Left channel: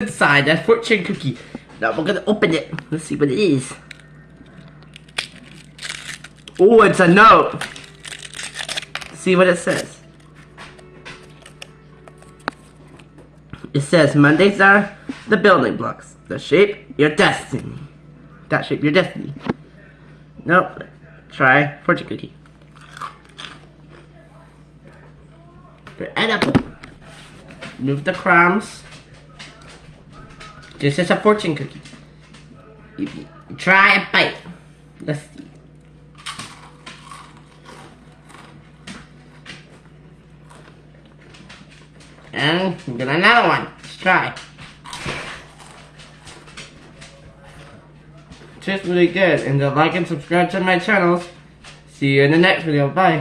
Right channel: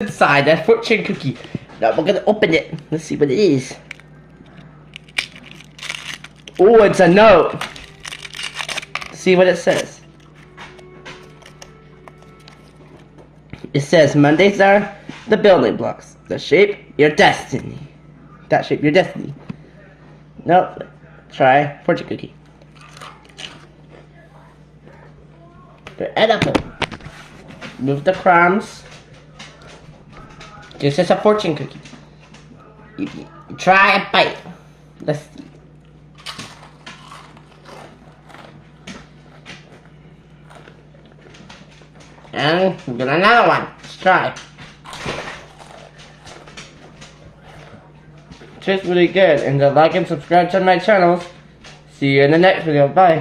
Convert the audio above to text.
inside that fortune cookie. Now we're gonna open it. Let's see what it is. Oh, it's a note. Let's see what it says. It says Mondays are the building blocks that shape your destiny. That shape your destiny. Nope. Try fortune cookie. They're edible. Move the crumbs. This is a fortune cookie. Try a bite. Let's see. And we've got another one. Let's try. Tastes really good. And like and subscribe to my channel. See you in the next video. Bye.